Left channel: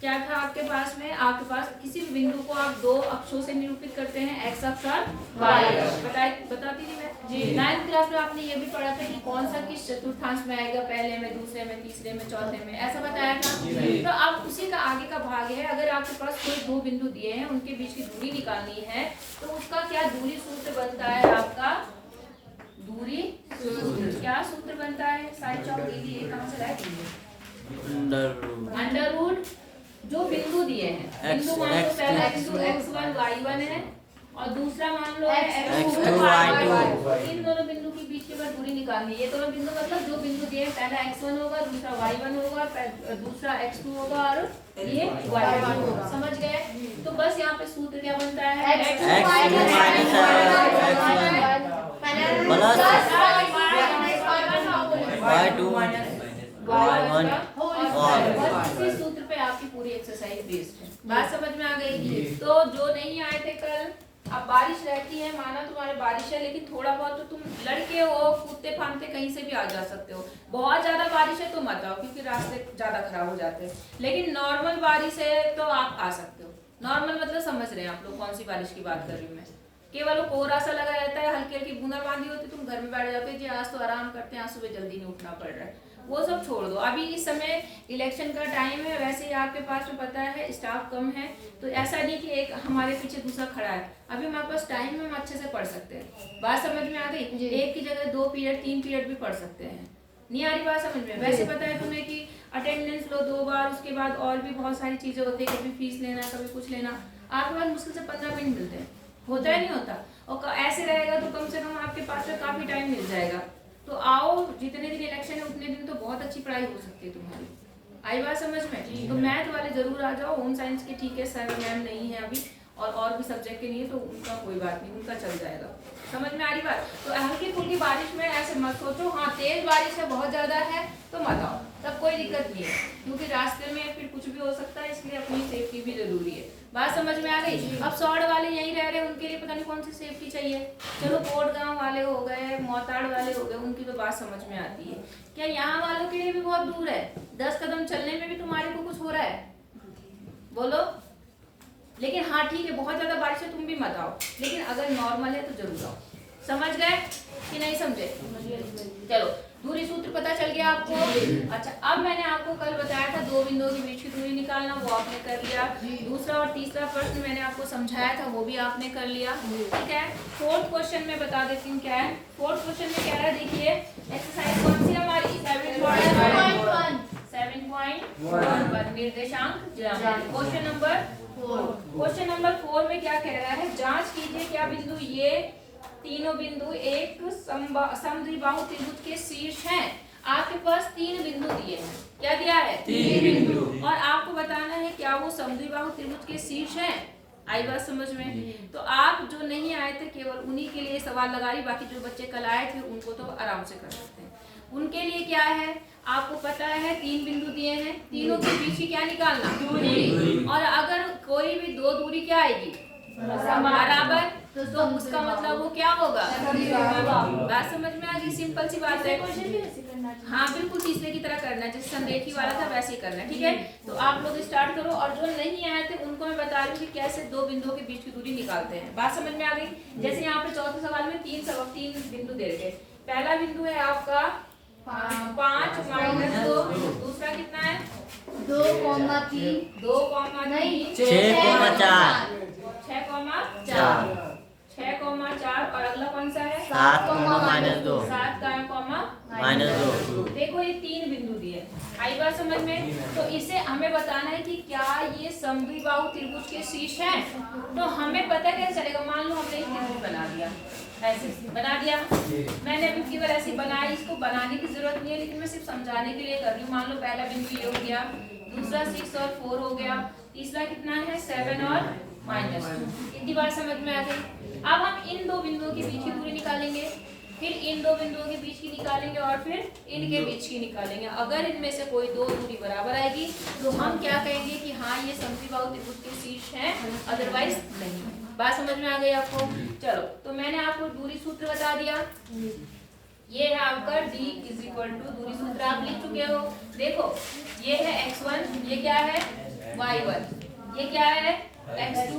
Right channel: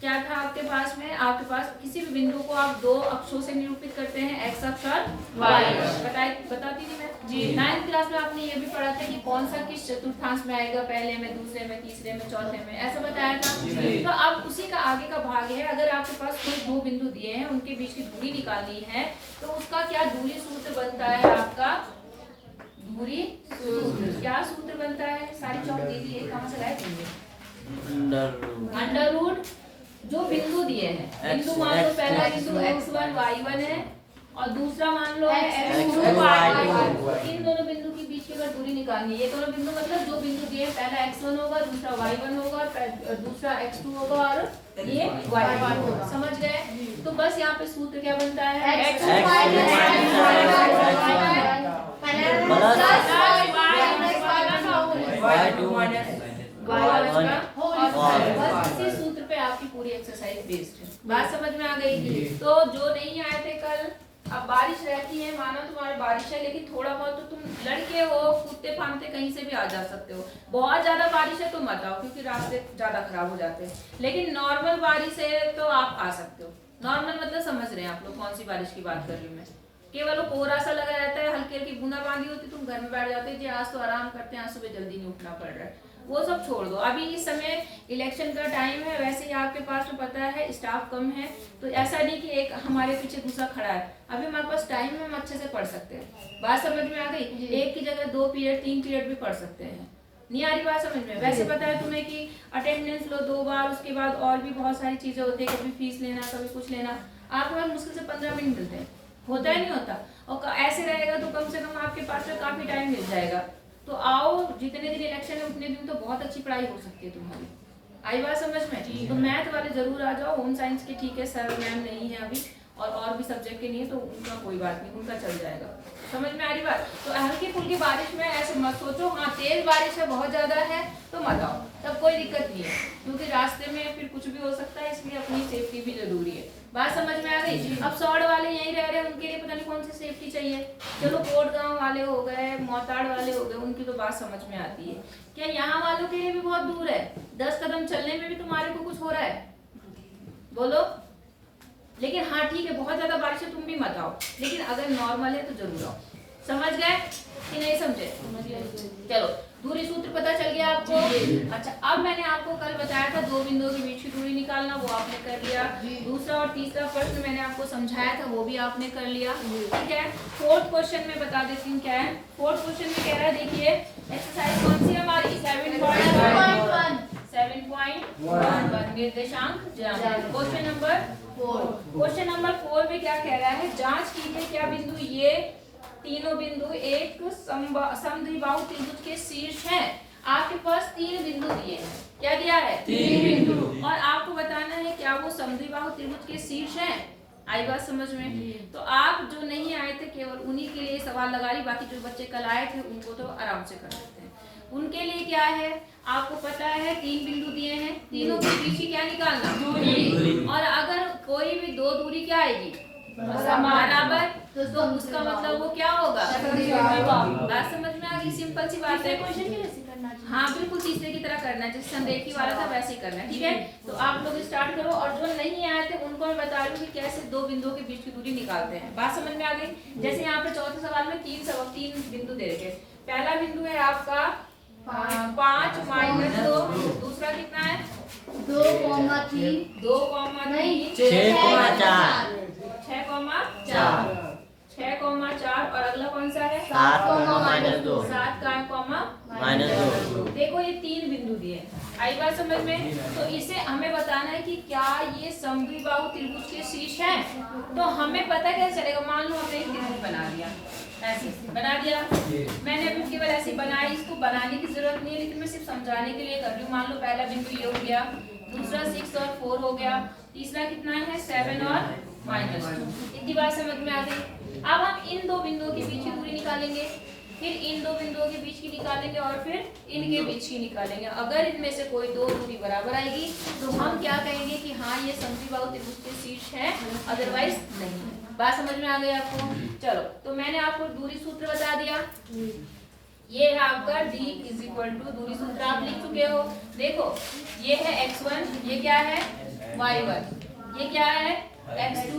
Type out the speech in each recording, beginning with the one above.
क्या था आपके पास में, आपके पास किसी भी बिंदु को आप दो अक्षों से निरूपित करते हैं, एक्स अक्ष और वाई अक्ष। बताती थी मैं 9th क्लास में आपने ये भी पढ़ा था कि कौन सा किस चतुर्थांश में आएगा, पहले में, दूसरे में, तीसरे में, चौथे में, ऐसा बताया था। तो अब उसी का आगे का भाग है। अगर आपके पास कोई दो बिंदु दिए हैं, उनके बीच की दूरी निकालनी है, तो उसका क्या दूरी सूत्र बनता है आपका, दूरी सूत्र क्या सूत्र बनता है, सारी चौक दीदी ये कहाँ से लाए, अंडर रूट जो बिंदु दिए हैं, बिंदु मान लो पहला बिंदु x1 y1 है और दूसरा मान लो है x2 y2। इन दोनों बिंदु के बीच की अगर दूरी निकालनी है, ये दोनों बिंदु मतलब जो बिंदु दिए हैं, पहला x1 होगा, दूसरा y1 होगा, दूसरा x2 होगा और ये y1 होगा। समझ गए? तो बस यहाँ पे सूत्र क्या बनता है, x2 इसी सूत्र पे आपकी पूरी एक्सरसाइज बेस्ड है। बात समझ में आ गई? तो जो नहीं आए थे कल, अब बारिश रहती है, माना तुम्हारे बारिश है, लेकिन थोड़ा बहुत तो तुम लड़के हो, कूदते फांदते कहीं से भी आ जा सकते हो। बहुत ज्यादा बारिश है तो मत आओ, क्योंकि रास्ते ज्यादा खराब हो जाते हैं। लेकिन नॉर्मल बारिश है तो आप आ सकते हो। नॉर्मल मतलब समझ रहे हैं आप लोग कौन सी बारिश की बात कर रही हूँ मैं। केवल वो कोहरा सा लगा रहता है, हल्की हल्की बूंदाबांदी होती, तुम घर में बैठ जाते हो जी आज तो आराम करते हैं, आज सुबह जल्दी नहीं उठना पड़ रहा है, वो सब छोड़ दो। अभी इस समय इलेक्शन का टाइम है, वैसे ही आपके पास में पता है स्टाफ कम है, तो ऐसा नहीं कि एक हमारे पीछे दूसरा खड़ा है। अभी हमारे पास टाइम है, हम अच्छे से पढ़ सकते हैं। बात समझ में आ गई? एक की जगह 2 पीरियड 3 पीरियड भी पढ़ सकते हैं। नहीं आ रही बात समझ में? वैसे पता है तुम्हें कि अटेंडेंस लो 2 बार, उसके बाद और भी बहुत सारी चीजें होती है, कभी फीस लेना, कभी कुछ लेना। आपके पास मुश्किल से 15 मिनट मिलते हैं, होता है नहीं होता? और ऐसे रहेगा तो कम से कम आपके पास में काफी टाइम मिल जाएगा। तो आओ, जितने दिन इलेक्शन है उतने दिन तो बहुत अच्छी पढ़ाई हो सकती है तुम्हारी। आई बात समझ में? तो मैथ वाले जरूर आ जाओ। होम साइंस के ठीक है, सर मैम नहीं है अभी, और भी सब्जेक्ट के नहीं है, तो उनका कोई बात नहीं, उनका चल जाएगा। समझ में आ रही बात? तो हल्की फुल्की बारिश में ऐसे मत सोचो हाँ तेज बारिश है, बहुत ज्यादा है तो मत आओ, तब कोई दिक्कत नहीं है, क्योंकि रास्ते में फिर कुछ भी हो सकता है, इसलिए अपनी सेफ्टी भी जरूरी है। बात समझ में आ गई? अब सौड़ वाले यहीं रह रहे हैं, उनके लिए पता नहीं कौन सी सेफ्टी चाहिए। चलो कोट गांव वाले हो गए, मोताड़ वाले हो गए, उनकी तो बात समझ में आती है। क्या यहाँ वालों के लिए भी बहुत दूर है? 10 कदम चलने में भी तुम्हारे को कुछ हो रहा है? बोलो। लेकिन हाँ ठीक है, बहुत ज्यादा बारिश है तुम भी मत आओ, लेकिन अगर नॉर्मल है तो जरूर आओ। समझ गए कि नहीं समझे? चलो, दूरी सूत्र पता चल गया आपको? अच्छा, अब मैंने आपको कल बताया था दो बिंदुओं के बीच की दूरी निकालना, वो आपने कर लिया। दूसरा और तीसरा प्रश्न मैंने आपको समझाया था, वो भी आपने कर लिया। ठीक है, फोर्थ क्वेश्चन में बता देती हूँ क्या है। फोर्थ क्वेश्चन में कह रहा है, देखिए एक्सरसाइज कौन सी हमारी 7.1 निर्देशांक ज्यामिति। Question number 4। क्वेश्चन नंबर 4 में क्या कह रहा है, जांच कीजिए क्या बिंदु ये तीनों बिंदु एक समद्विबाहु त्रिभुज के शीर्ष हैं। आपके पास 3 बिंदु दिए हैं। क्या दिया है? 3 बिंदु। और आपको बताना है क्या वो समद्विबाहु त्रिभुज के शीर्ष हैं। आई बात समझ में? तो आप जो नहीं आए थे केवल उन्हीं के लिए सवाल लगा रही, बाकी जो बच्चे कल आए थे उनको तो आराम से कर सकते हैं। उनके लिए क्या है, आपको पता है 3 बिंदु दिए हैं, तीनों के बीच की क्या निकालना, दूरी। और अगर कोई भी दो दूरी क्या आएगी, बराबर, तो उसका मतलब वो क्या होगा, बात समझ में आ गई? सिंपल सी बात है। हाँ बिल्कुल तीसरे की तरह करना है, जैसे संरेखी वाला था वैसे ही करना है। ठीक है, तो आप लोग स्टार्ट करो। और जो नहीं आए थे उनको मैं बता रही हूँ कि कैसे दो बिंदुओं के बीच की दूरी निकालते हैं। बात समझ में आ गई? जैसे यहाँ पे चौथे सवाल में 3 बिंदु दे रखे। पहला बिंदु है आपका 5 - 2, दूसरा कितना है 2,3, 6,4 और अगला कौन सा है 7,-2। देखो ये 3 बिंदु दिए। आई बात समझ में? तो इसे हमें बताना है कि क्या ये समद्विबाहु त्रिभुज के शीर्ष है। तो हमें पता क्या चलेगा, मान लो हमने एक त्रिभुज बना दिया, ऐसे बना दिया, मैंने अभी केवल ऐसे बनाई, इसको बनाने की जरूरत नहीं है, लेकिन मैं सिर्फ समझाने के लिए कर रही हूँ। मान लो पहला बिंदु ये हो गया, दूसरा 6 और 4 हो गया, तीसरा कितना है 7 और -2। इतनी बात समझ में आ गई? अब हम इन दो बिंदुओं के बीच की दूरी निकालेंगे, फिर इन दो बिंदुओं के बीच की निकालेंगे और फिर इनके बीच की निकालेंगे। अगर इनमें से कोई दो दूरी बराबर आएगी तो हम क्या कहेंगे कि हाँ ये समद्विबाहु त्रिभुज के शीर्ष है, अदरवाइज नहीं। बात समझ में आ गई आपको? चलो, तो मैंने आपको दूरी सूत्र बता दिया। ये है आपका D = दूरी सूत्र आप लिख चुके हो। देखो ये है x1, ये क्या है y1, ये क्या है x2,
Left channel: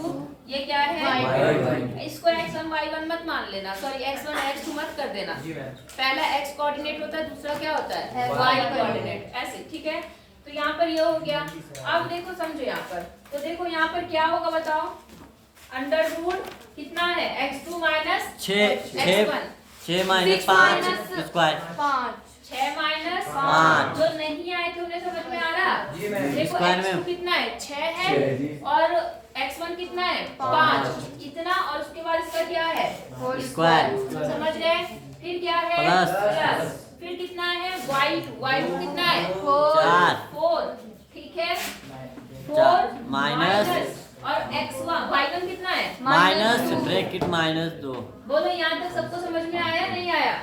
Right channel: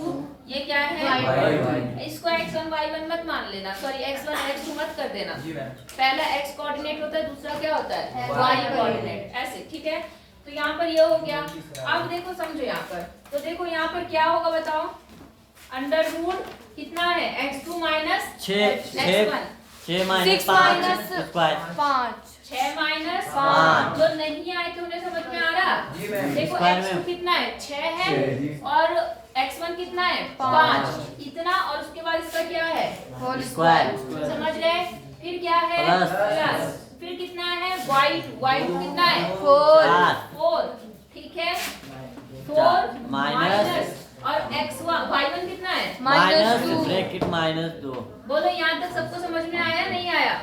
ये क्या है इसको x1 y1 मत मान लेना, सॉरी x1 x2 मत कर देना। पहला x कोऑर्डिनेट होता है, दूसरा क्या होता है y कोऑर्डिनेट, ऐसे ठीक है। तो यहाँ पर ये हो गया। अब देखो समझो यहाँ पर, तो देखो यहाँ पर क्या होगा बताओ, अंडर रूट कितना है x2 minus 6 minus 5 square 6 minus 5, जो नहीं आए थे उन्हें समझ में आ रहा। देखो x2 कितना है 6 है और x1 कितना है 5, इतना और उसके बाद इसका क्या है स्क्वायर, समझ रहे। फिर क्या है प्लस, फिर कितना है y2 कितना है 4, ठीक है 4 माइनस और x1 y1 कितना है माइनस ब्रैकेट -2। बोलो यहाँ तक सबको समझ में आया नहीं आया?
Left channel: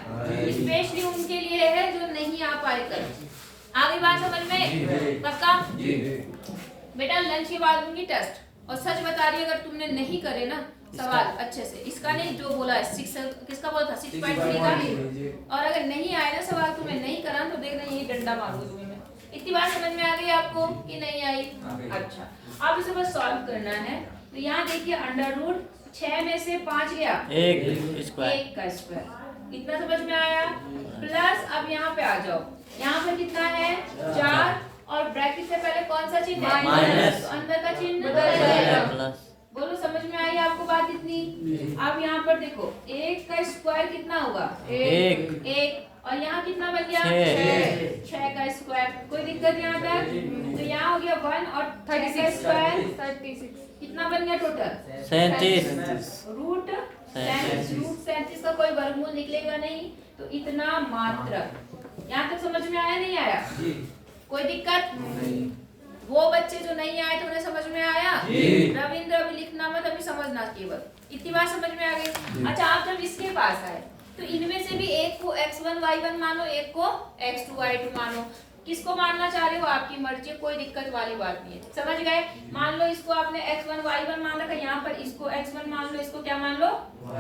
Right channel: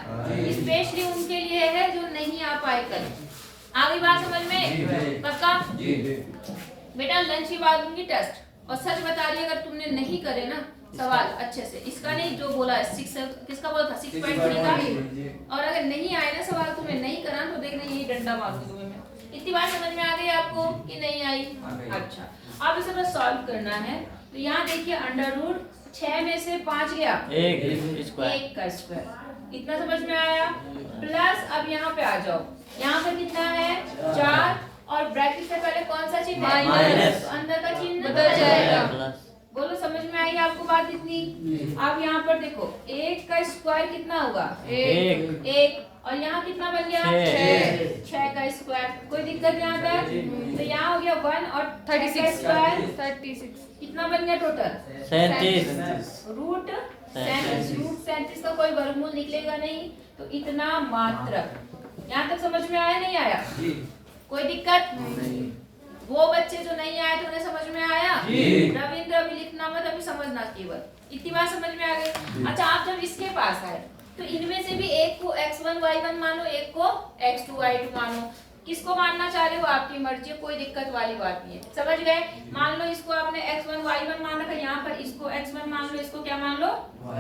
स्पेशली उनके लिए है जो नहीं आ पाए कल। आ गई बात समझ में? पक्का? बेटा लंच के बाद दूंगी टेस्ट, और सच बता रही अगर तुमने नहीं करे ना सवाल अच्छे से, इसका नहीं जो बोला है 6 किसका बोला था 6.3 का, और अगर नहीं आए ना सवाल तुम्हें नहीं करा तो देखना यही डंडा मारूंगी तुम्हें मैं। इतनी बात समझ में आ गई आपको कि नहीं आई? अच्छा अब इसे बस सॉल्व करना है। तो यहाँ देखिए अंडर रूट 6 में से 5 गया 1 का स्क्वायर, कितना समझ में आया? प्लस अब यहाँ पे आ जाओ, यहाँ पर कितना है 4 और ब्रैकेट से पहले कौन सा चिन्ह है माइनस, तो अंदर का चिन्ह बदल जाएगा। बोलो समझ में आई आपको बात इतनी? अब यहाँ पर देखो 1 का स्क्वायर कितना होगा 1 और यहाँ कितना बन गया 6 का स्क्वायर, कोई दिक्कत यहाँ तक? तो यहाँ हो गया 1 और 36 का स्क्वायर 36, कितना बन गया टोटल 37, रूट 37 का कोई वर्गमूल निकलेगा नहीं, तो इतना मात्र। यहाँ तक समझ में आया नहीं आया? कोई दिक्कत? वो बच्चे जो नहीं आए थे उन्हें समझ में आया? रविंद्र अभी लिखना मत, अभी समझना केवल, इतनी बात समझ में आ गई। अच्छा आप जब इसके पास आए तो इनमें से भी एक को x1 y1 मानो, एक को x2 y2 मानो, किसको मानना चाह रहे हो आपकी मर्जी है, कोई दिक्कत वाली बात नहीं है। समझ गए? मान लो इसको आपने x1 y1 मान रखा, यहाँ पर इसको x1 मान लो, इसको क्या मान लो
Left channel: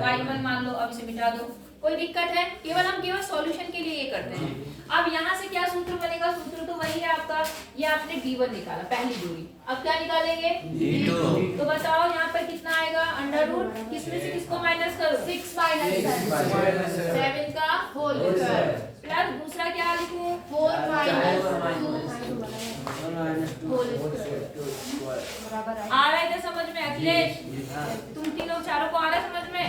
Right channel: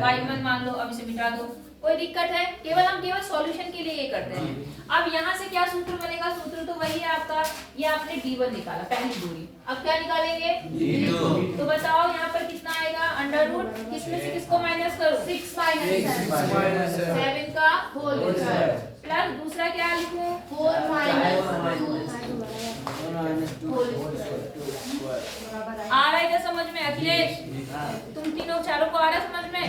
y1 मान लो, अब इसे मिटा दो, कोई दिक्कत है? हम केवल सॉल्यूशन के लिए ये करते हैं। अब यहाँ से क्या सूत्र बनेगा? सूत्र तो वही है आपका, ये आपने d1 निकाला पहली दूरी, अब क्या निकालेंगे d2। तो बताओ यहाँ पर कितना आएगा अंडर रूट, किसमें से किसको माइनस करो 6 माइनस 7 का होल स्क्वायर, प्लस दूसरा क्या लिखूं 4 माइनस 2 होल स्क्वायर। आ रहा है क्या समझ में अखिलेश? तुम तीनों चारों को आ रहा है समझ में?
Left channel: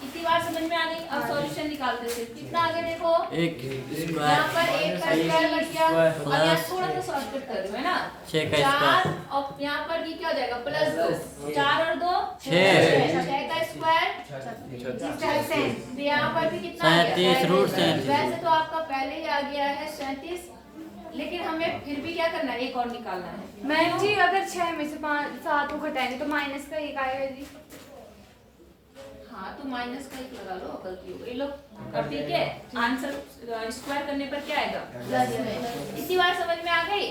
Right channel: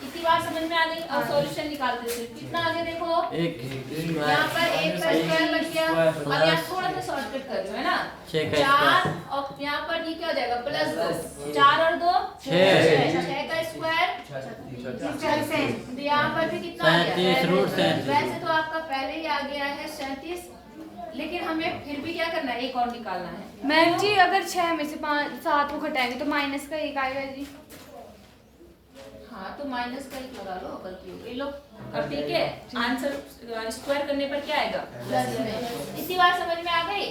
इतनी बात समझ में आ गई। अब सॉल्यूशन निकालते थे, कितना आगे देखो यहाँ पर 1 का स्क्वायर लग गया, अब यहाँ थोड़ा सा शॉर्टकट कर रही हूँ है ना, 4 और यहाँ पर ये क्या हो जाएगा प्लस 2, 4 और 2 6 का स्क्वायर, तो यहाँ पर भी कितना आ गया? वैसे तो आपका पहले ही आ गया है 37, लेकिन हमें फिर भी क्या करना है, एक और निकालना है। मैम जी अगर 6 में से 7 को घटाएंगे तो माइनस का 1 आएगा जी। हाँ तो माइनस का 1 लगा लो, गलती हो गई लो, और ठीक है आंसर स्क्वायर करने पर क्या आएगा प्लस। इसी बात समझ में आ गई?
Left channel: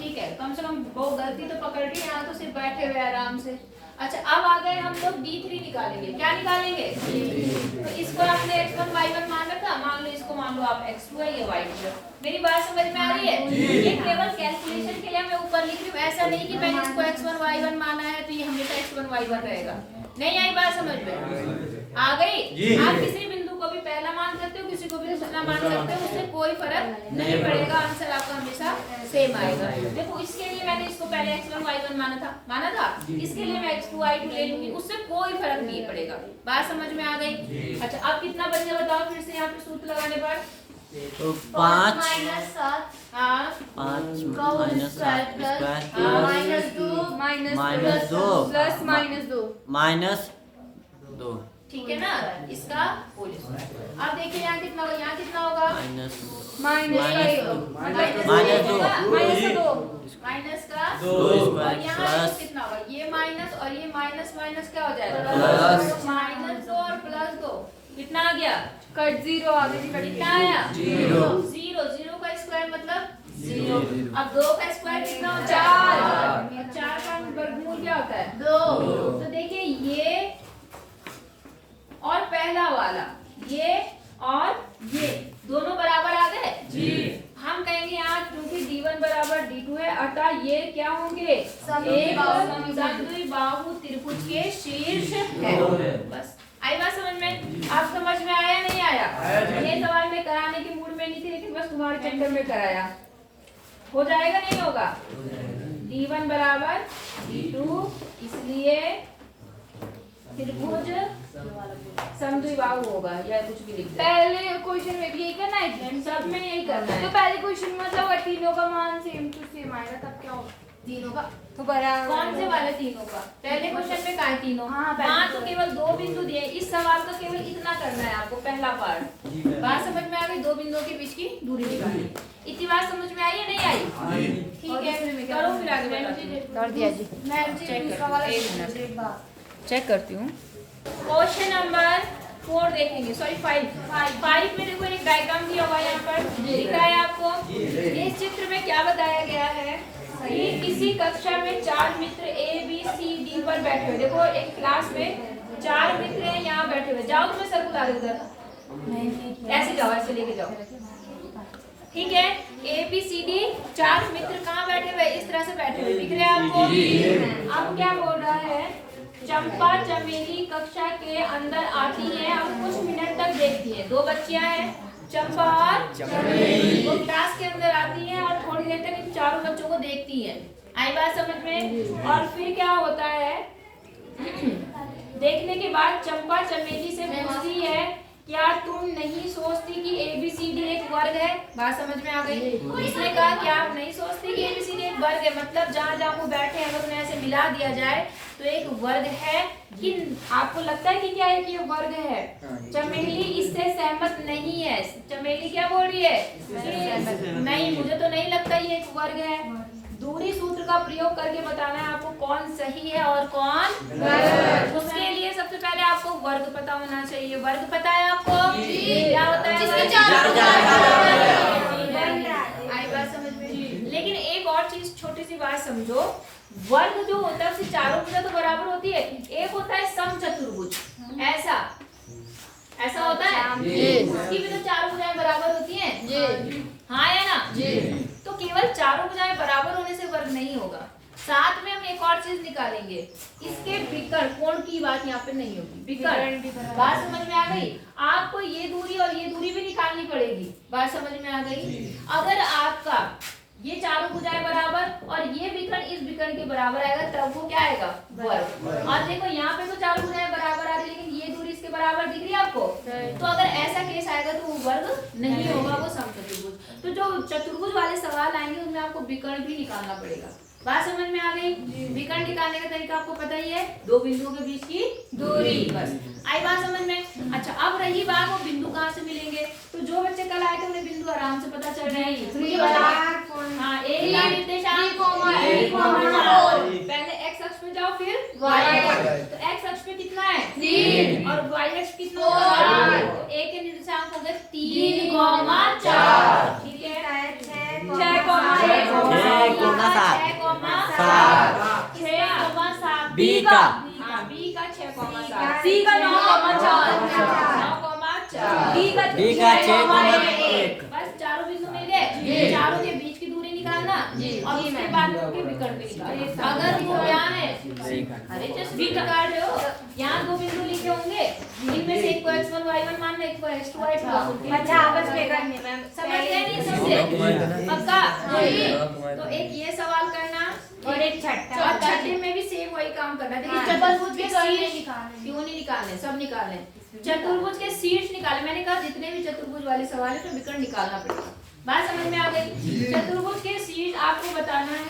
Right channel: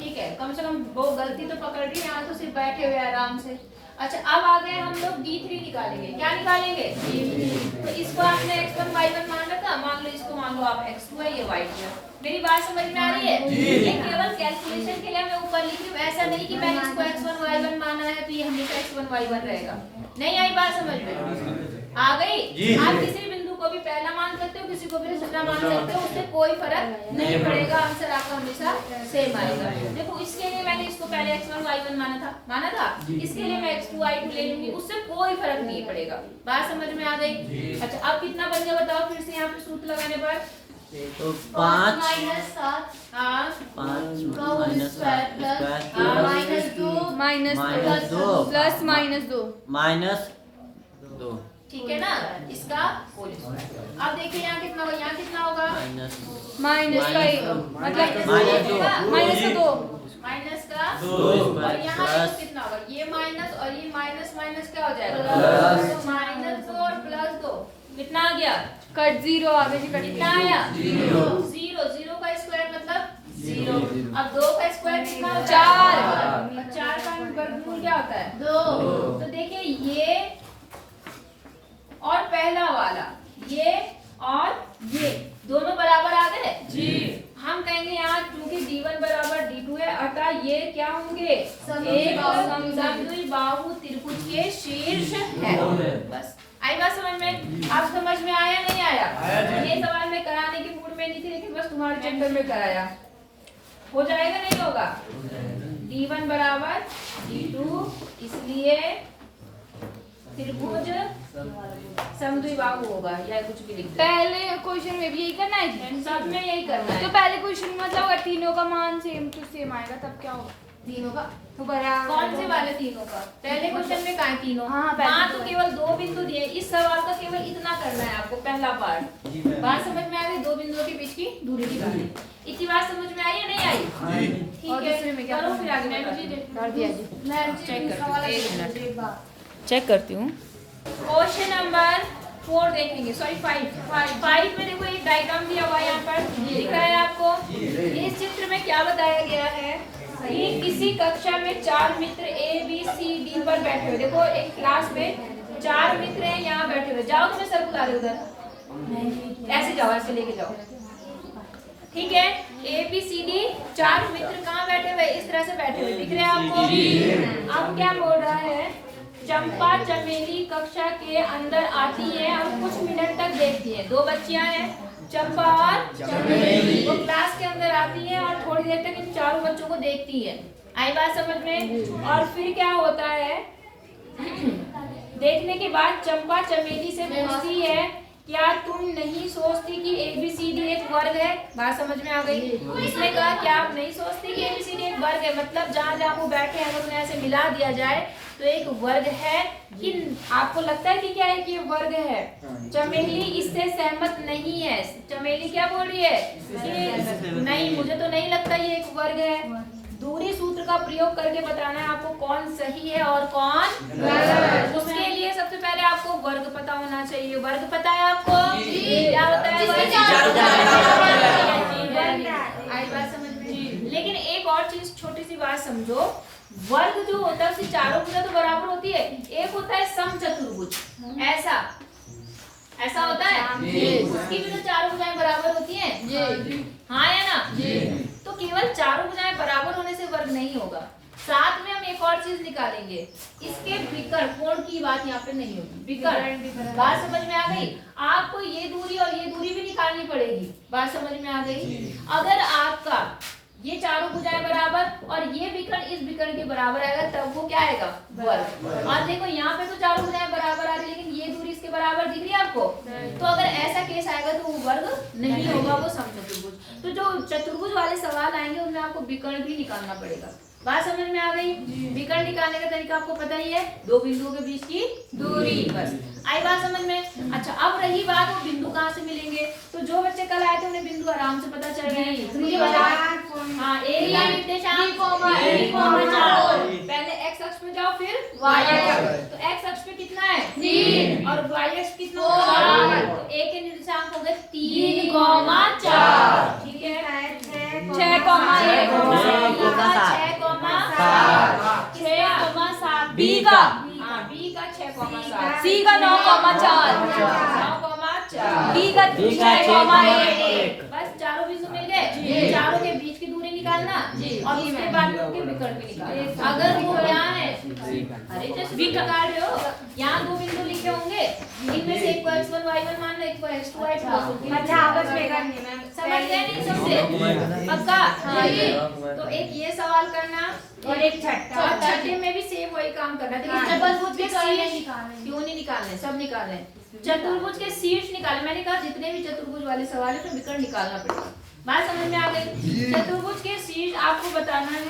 ठीक है, कम से कम वो गलती तो पकड़ ली, यहाँ तो सिर्फ बैठे हुए आराम से। अच्छा अब आ गए हम लोग d3 निकालेंगे, क्या निकालेंगे d3। तो इसको आपने x1 y1 मान रखा, मान लो इसको मान लो आप x2 है, ये y2 है। मेरी बात समझ में आ रही है? ये केवल कैलकुलेशन के लिए मैं ऊपर लिख रही हूँ, ऐसा नहीं कि मैंने इसको x1 y1 माना है तो ये हमेशा x1 y1 रहेगा। नहीं आई बात समझ में? आ गई? आप किसी बिंदु को भी पहला मान सकते हो, किसी को भी दूसरा मान सकते हो, उससे कोई फर्क नहीं पड़ेगा, आंसर आपका हमेशा सेम आएगा। देखो इसके लिए मैंने इसको पहले x1 y1 माना था, इसके लिए मैं x2 y2 ले लूंगी, उससे कोई फर्क नहीं पड़ेगा। बात समझ में आ गई? अच्छा अब कितना बन गया बताओ फिर से यहाँ पे सूत्र लगाने पर? तो 5 माइनस 7 हाँ 5 का whole square plus minus 2 minus 2 plus minus 2, ठीक है ना, इसका होल स्क्वायर। अब देखिए यहाँ कितना होगा, यहाँ कितना होगा माइनस का 1 मतलब माइनस का 2 और यहाँ कितना होगा, ये माइनस और ये माइनस क्या हो जाएगा प्लस, माइनस 2 और प्लस 2 कितना आ गया? कट 0 आ गया जी, कट कितना आया 0 का स्क्वायर मतलब 0। अब 2 का स्क्वायर कितना होता है 4 का वर्गमूल क्या होता है 2। तो देखिए ये और पहला वाला, ये और ये दोनों बराबर आ गए जी। हम कहेंगे यहाँ क्योंकि D1 बराबर D2 है, अतः ये क्या होंगे, एक समद्विबाहु त्रिभुज के शीर्ष है। बस आई बात समझ में? आप समझ में आया नहीं आया? ये सवाल मैं कराने के मूड में नहीं थी, लेकिन बस तुम्हारे चक्कर में कराया। हो जाएगा नहीं होगा? D1 बराबर D2, इसलिए त्रिभुज समद्विबाहु होगा, या कुछ भी लिख दे। पहले क्वेश्चन में भी यही करना है, सब में यही करना है। तो पहले क्वेश्चन मतलब अगर तीनों का मान सेम टू सेम आएगा तब क्या होगा? तीनों का तो बराबर कौन से वाले तीनों का? पहले क्वेश्चन में कहा है तीनों। हाँ, पहले। वहाँ तो केवल 2 बिंदु दिए। इस सवाल का केवल इतना करना है आपको, पहला पार्ट। बात समझ में आ गई? 2 बिंदुओं के बीच की दूरी निकालनी। इतनी बात समझ में आई या नहीं आई? ठीक है, करो फिर आगे चेक करती हूँ। क्वेश्चन नंबर 4 देखेंगे, सॉरी 5 में देखो एक डायग्राम दिया हुआ है, यहाँ पर दिख रहा है आपको। इस चित्र में क्या बताया गया है कि किसी कक्षा में 4 मित्र ABCD पर बैठे हुए। देखो एक क्लास में 4 मित्र हैं, यहाँ बैठे हुए। जाओ तुम्हें सर बुला रहे उधर, ऐसे जाओ, ऐसे लेके जाओ। ठीक है, ABCD 4 मित्र कहाँ बैठे हुए? इस तरह से बैठे हुए, दिख रहे हैं आपको? अब क्या बोल रहा है, चंपा चमेली कक्षा के अंदर आती है और कुछ मिनट तक देखती है। 2 बच्चियां हैं, चंपा और चमेली। वो क्लास के अंदर आती है और थोड़ी देर तक इन चारों बच्चों को देखती है। आई बात समझ में? और फिर क्या होता है, देखने के बाद चंपा चमेली से पूछती है, क्या तुम नहीं सोचती कि ABCD एक वर्ग है? बात समझ में आ गई? इसने कहा क्या आप नहीं सोचती कि ABCD एक वर्ग है? मतलब जहाँ जहाँ वो बैठे हैं अगर उन्हें ऐसे मिला दिया जाए तो एक वर्ग है। कि आपको लगता है कि क्या है कि ये वर्ग है? चमेली इससे सहमत नहीं है। चमेली क्या बोल रही है कि नहीं, मुझे तो नहीं लगता ये एक वर्ग है। दूरी सूत्र का प्रयोग करके बताना है आपको कौन सही है और कौन गलत। उसके लिए सबसे पहले आपको वर्ग पता होना चाहिए। वर्ग पता है आपको? क्या होता है वर्ग? आई बात समझ में? लेकिन एक और चीज, छोटी सी बात समझो, वर्ग जो होता है उसकी चारों भुजा तो बराबर होती है। एक होता है समचतुर्भुज, ऐसा होता है, उसकी भी तो चारों भुजाएं बराबर होती हैं। हाँ या ना? तो केवल चारों भुजाएं बराबर होने से वर्ग नहीं होगा। साथ में हम एक और चीज निकालेंगे, इसके विकर्ण कोण की बात यहाँ पे नहीं होगी। विकर्ण, बात समझ में आ गई? आपको ये दूरी और ये दूरी भी निकालनी पड़ेगी। बात समझ में आ गई? अगर आपका ये चारों भुजाएं बराबर और ये विकर्ण इस विकर्ण के बराबर आएगा तब वो क्या आएगा? वर्ग। और देखो यहाँ पे तो चारों भुजाएं बराबर आ रही, लेकिन ये दूरी इसके बराबर दिख रही है आपको। तो अगर ऐसा केस आएगा तो वो वर्ग नहीं होगा, वो समचतुर्भुज। तो जो चतुर्भुज वाले सवाल आएंगे उनमें आपको विकर्ण भी निकालना पड़ेगा। बात समझ में आ गई? विकर्ण निकालने का तरीका आपको पता ही है, 2 बिंदुओं के बीच की दूरी। बस आई बात समझ में? अच्छा, अब रही बात वो बिंदु कहाँ से मिलेंगे। तो जो बच्चे कल आए थे उन्हें बिंदु आराम से पता चल रहे हैं। मुझे बताओ, हाँ, ए का निर्देशांक पहले x अक्ष पे जाओ, फिर y अक्ष। तो x अक्ष पे कितना है? 3 और y अक्ष कितना होगा? 4। तो a के निर्देशांक हो गए 3, 4। ठीक है, 6, 6, B का, हाँ, B का 6, C का 9,4, 9,4, D का 6,1। बस चारों बिंदु मिल गए। चारों के बीच की दूरी निकालना और उसके बाद उनके विकर्ण भी निकालना। अगर वो क्या है, अरे जस्ट वी निकाल रहे हो, यहाँ 2 बिंदु लिखे होंगे, इनमें से एक को x1 y1 मान लो, एक को x2 y2। अच्छा, आपस में करनी है मैम। समझ गए नहीं सबसे? पक्का? तो एक ये सवाल करना और एक छठे में भी सेम वही काम करना। देखिए चतुर्भुज के शीर्ष क्यों नहीं निकालने, सब निकालने। चतुर्भुज के शीर्ष निकाले। मैंने कहा जितने भी चतुर्भुज वाले सवाल है तो विकर्ण निकालना पड़ेगा। बात समझ में आ गई? चतुर्भुज के शीर्ष आपको बताना है,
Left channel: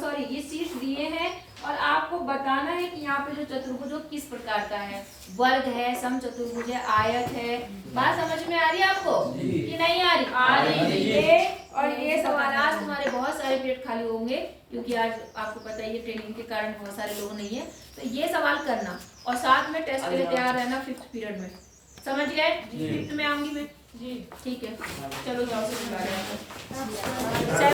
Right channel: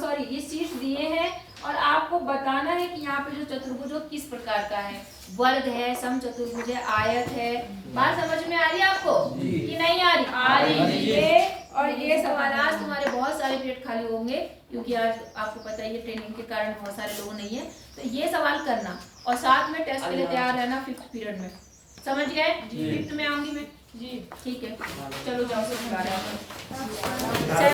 सॉरी ये शीर्ष दिए हैं और आपको बताना है कि यहाँ पे जो चतुर्भुज वो किस प्रकार का है। वर्ग है, समचतुर्भुज है, आयत है। बात समझ में आ रही है आपको कि नहीं आ रही? आ रही। ये और ये सवाल आज तुम्हारे बहुत सारे पीरियड खाली होंगे क्योंकि आज आपको पता ही है ट्रेनिंग के कारण बहुत सारे लोग नहीं है। तो ये सवाल करना और साथ में टेस्ट के लिए तैयार रहना 5th पीरियड में। समझ गए? 5th में आऊंगी मैं। ठीक है, चलो जाओ, से बुला रहे हैं।